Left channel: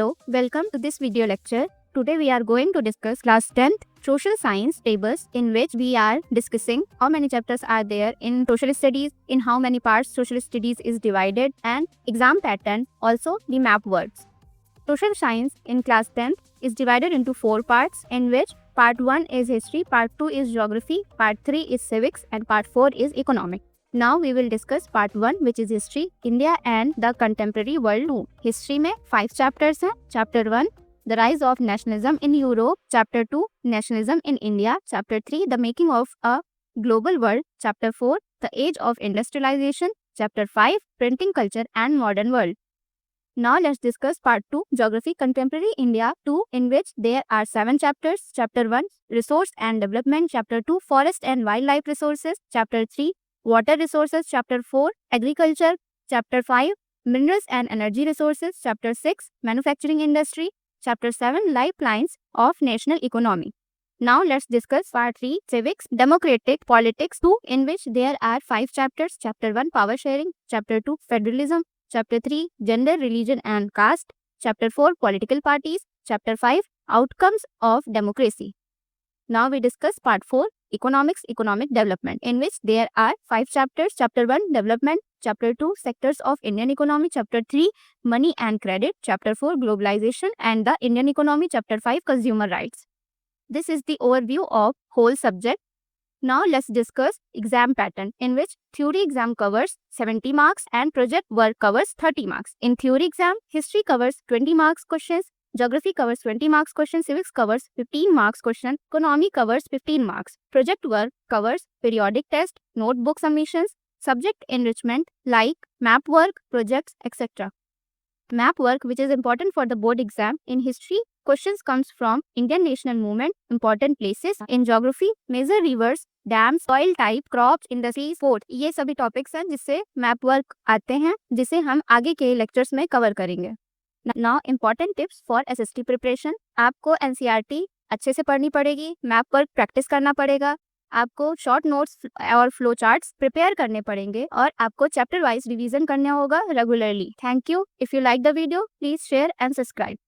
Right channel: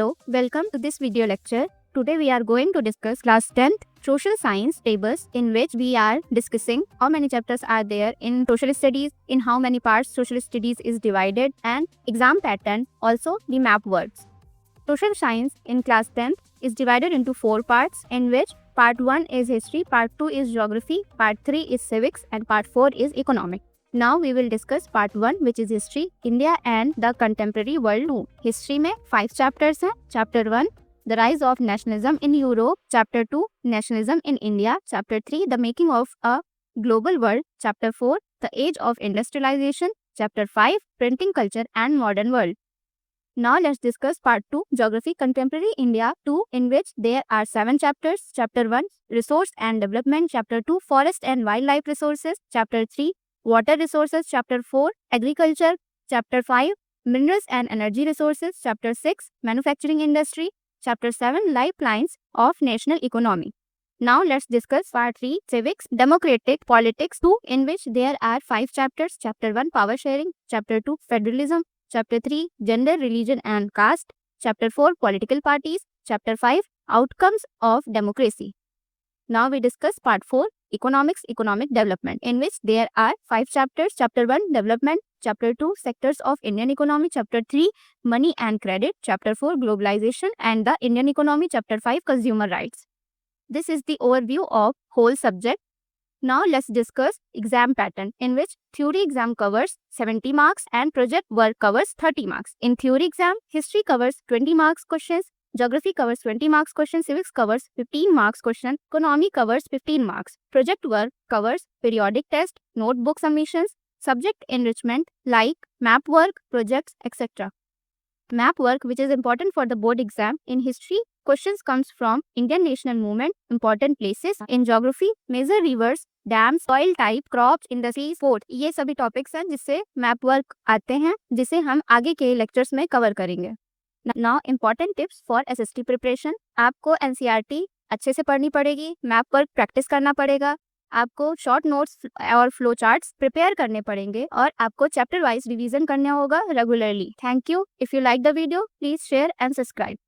Hello, welcome to this video lecture. Today we are going to discuss class 10th social science tables, in which we are discussing how many chapters are there in social studies, in how many parts social studies is divided, and exam pattern, also the map words. Social science in class 10th is divided into 4 parts, in which part 1 is history, part 2 is geography, part 3 is civics, and part 4 is economic. Now we will discuss part 1, which is history, India and the contemporary world 2. History में 5 chapters हैं. Chapter 1, the rise of nationalism in Europe. Chapter 2, nationalism in India. Chapter 3, the making of a global world. Chapter 4, the age of industrialization. Chapter 5, printing culture and modern world. Now let's discuss part 2, geography, contemporary India 2, in which there are 7 chapters. Chapter 1, resource and development. Chapter 2, forest and wildlife resources. Chapter 3, water resources. Chapter 4, agriculture. Chapter 5, minerals and energy resources. Chapter 6, manufacturing industry. Chapter 7, lifelines of national economy. Now let's discuss part 3, civics, democratic politics 2, in which there are 5 chapters. Chapter 1, power sharing. Chapter 2, federalism. Chapter 3, gender, religion and caste. Chapter 4, political parties. Chapter 5, outcomes of democracy. Now we discuss part 4, economics, economic development, in which there are 5 chapters. Chapter 1, development. Chapter 2, sectors of Indian economy. Chapter 3, money and credit. Chapter 4, globalization and the Indian economy. Chapter 5, consumer rights. This is the overview of whole subject. Now let's discuss exam pattern, in which theory exam covers 70 marks and project work covers 30 marks. In theory exam, history covers 20 marks questions, geography covers 20 marks question, civics covers 15 marks question, economy covers 15 marks. Project work covers periodic test, notebook submissions, subject enrichment like map work, projects, etc. Map work, which is important for the board exam. In history, questions comes from Indian national movement, important places. In geography, major rivers, dams, soil type, crops, industry, sport, ये सभी topics हैं जिससे map work आते हैं, जिसे हम आगे के लेक्चर्स में कवर करेंगे. Now important tips for SST preparation. आपको एनसीईआरटी अच्छे से पढ़नी पड़ेगी, मैप वर्क प्रैक्टिस करना पड़ेगा, आपको शॉर्ट नोट्स और फ्लो चार्ट्स प्रिपेयर करने पड़ेंगे, और आपको चैप्टर वाइज रिवीजन करना होगा regularly. Thank you. If you like the video, please share and subscribe.